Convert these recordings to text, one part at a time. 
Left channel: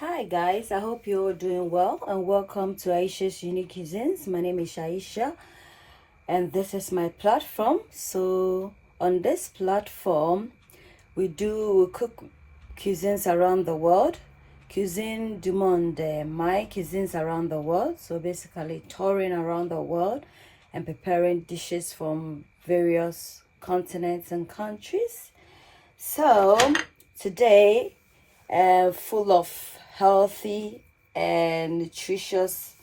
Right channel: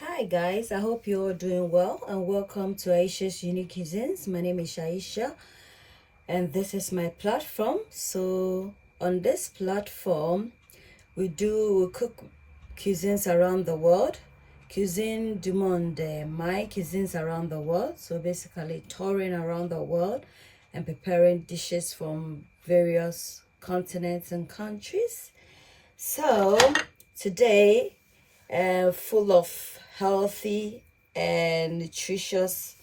Hi guys, I hope you're doing well and welcome to Aisha's Unique Cuisines. My name is Aisha and this is my platform. So on this platform we cook cuisines around the world. Cuisine du monde, my cuisines around the world. So basically touring around the world and preparing dishes from various continents and countries. So today full of healthy and nutritious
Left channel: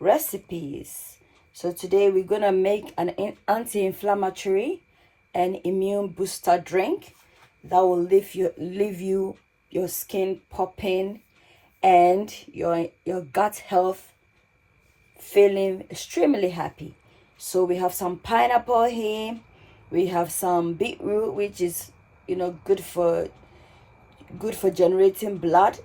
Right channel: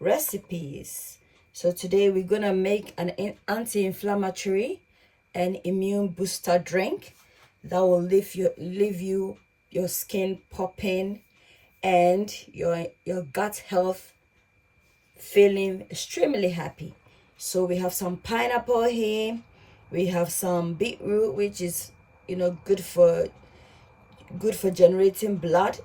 recipes. So today we're gonna make an anti-inflammatory and immune booster drink that will leave your skin popping and your gut health feeling extremely happy. So we have some pineapple here, we have some beetroot, which is good for generating blood,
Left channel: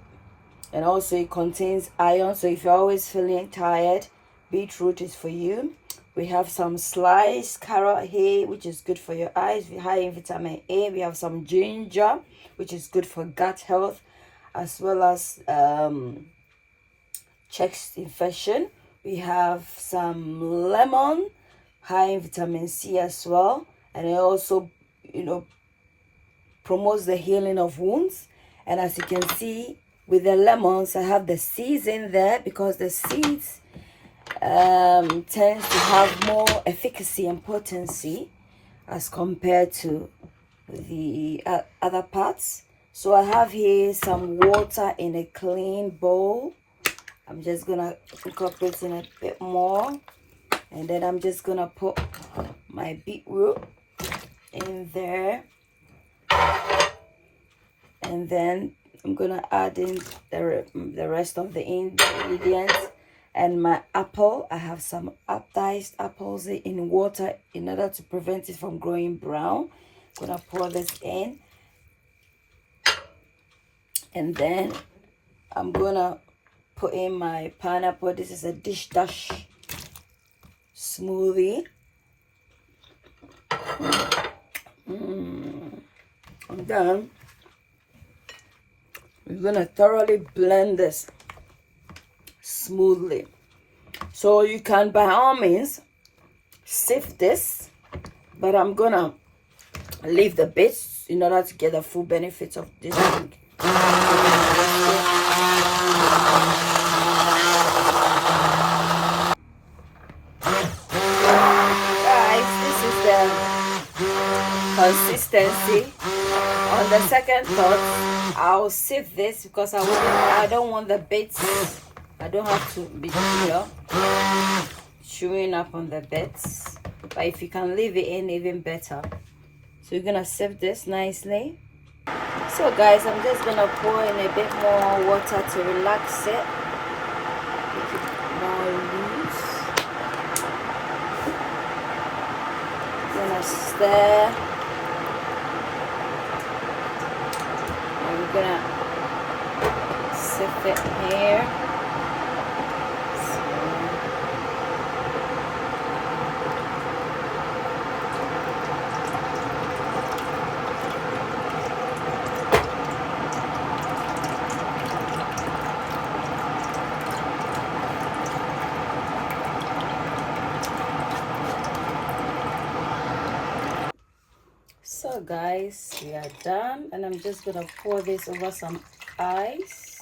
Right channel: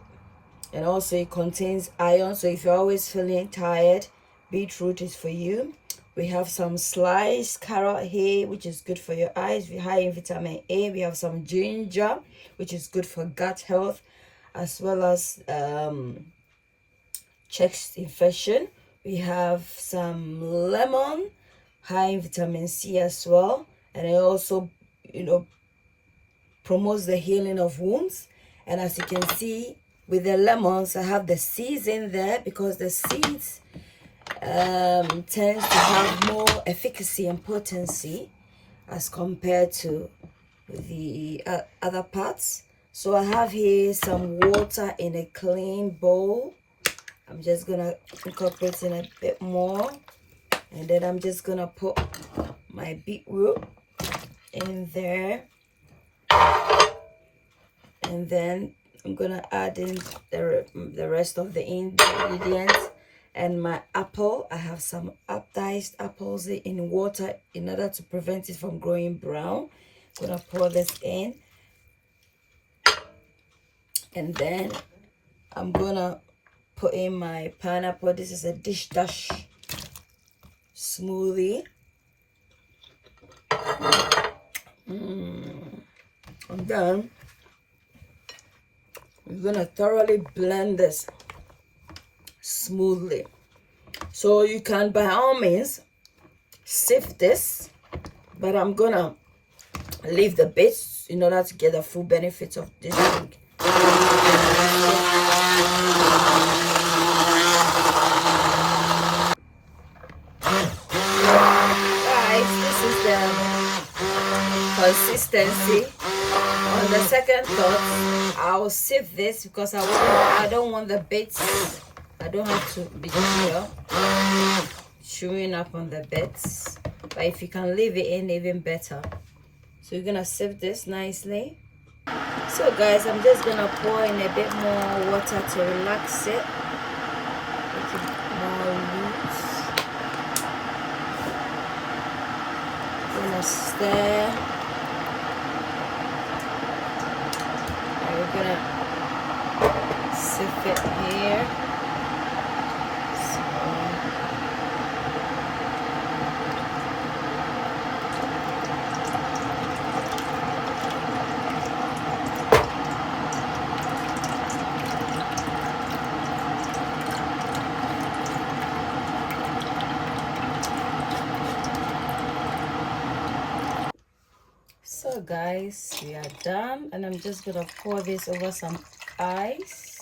and also it contains iron. So if you're always feeling tired, beetroot is for you. We have some sliced carrot here, which is good for your eyes, high in vitamin A. We have some ginger, which is good for gut health, as well as chest infection. We have some lemon, high in vitamin C as well, and it also promotes the healing of wounds. And as you can see with the lemons, I have the seeds in there because the seeds tends to have more efficacy and potency as compared to the other parts. So I have here some water in a clean bowl. I'm just gonna incorporate in a bit more, and then I'm just gonna put my beetroot in there, and then I'm gonna add in the rest of the ingredients. And my apple, I have some diced apples in water in order to prevent it from growing brown. I'm gonna pour this in, and then I'm gonna put in my pineapple. This is a dish dash smoothie. And then we're gonna thoroughly blend this smoothly. So you can by all means sift this, but I'm gonna leave the bits in order to get the full benefits of this drink. Guys, this is the consistency. On the second thought, I'll sieve this because I don't want the bits. I don't have to be chewing up on the bits. But if you can leave it in, even better. So you're gonna sieve this nicely. So guys, I'm just gonna pour in a bit more water to relax it. Make it more loose. Gonna stir. We're gonna sift it here. So guys, we are done, and I'm just gonna pour this over some ice.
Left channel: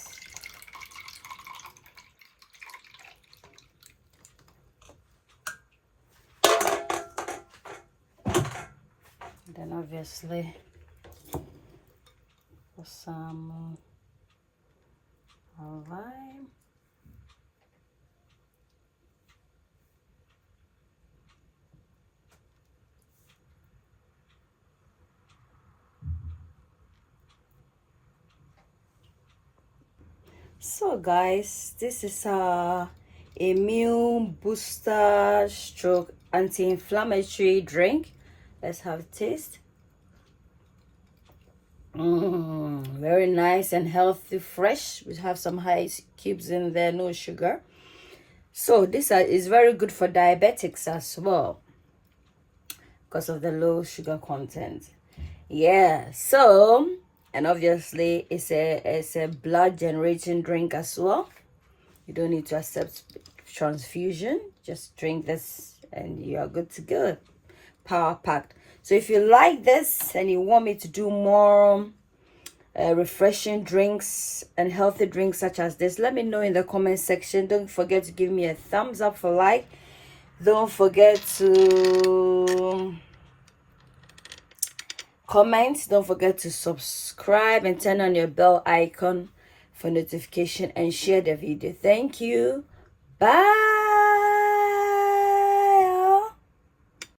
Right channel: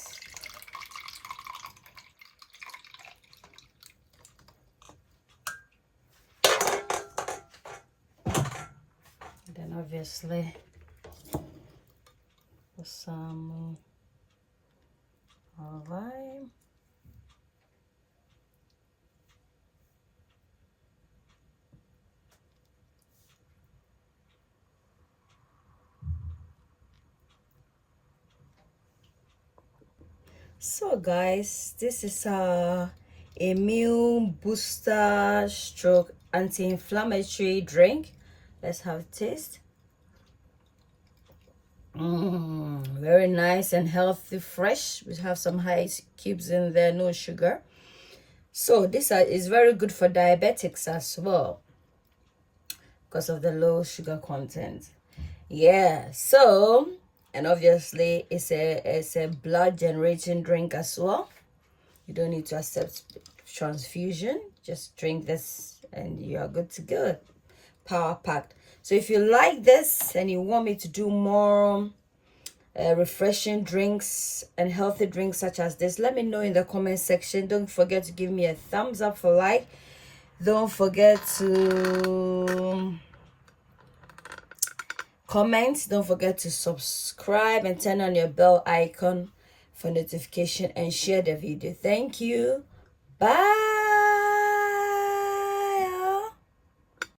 And then obviously put some lime. So guys, this is a immune booster stroke anti-inflammatory drink. Let's have a taste. Very nice and healthy, fresh. We have some high cubes in there, no sugar. So this is very good for diabetics as well because of the low sugar content. Yeah, so And obviously it's a blood generating drink as well. You don't need to accept transfusion. Just drink this and you are good to go. Power packed. So if you like this and you want me to do more refreshing drinks and healthy drinks such as this, let me know in the comment section. Don't forget to give me a thumbs up for like. Don't forget to comment. Don't forget to subscribe and turn on your bell icon for notification and share the video. Thank you. Bye.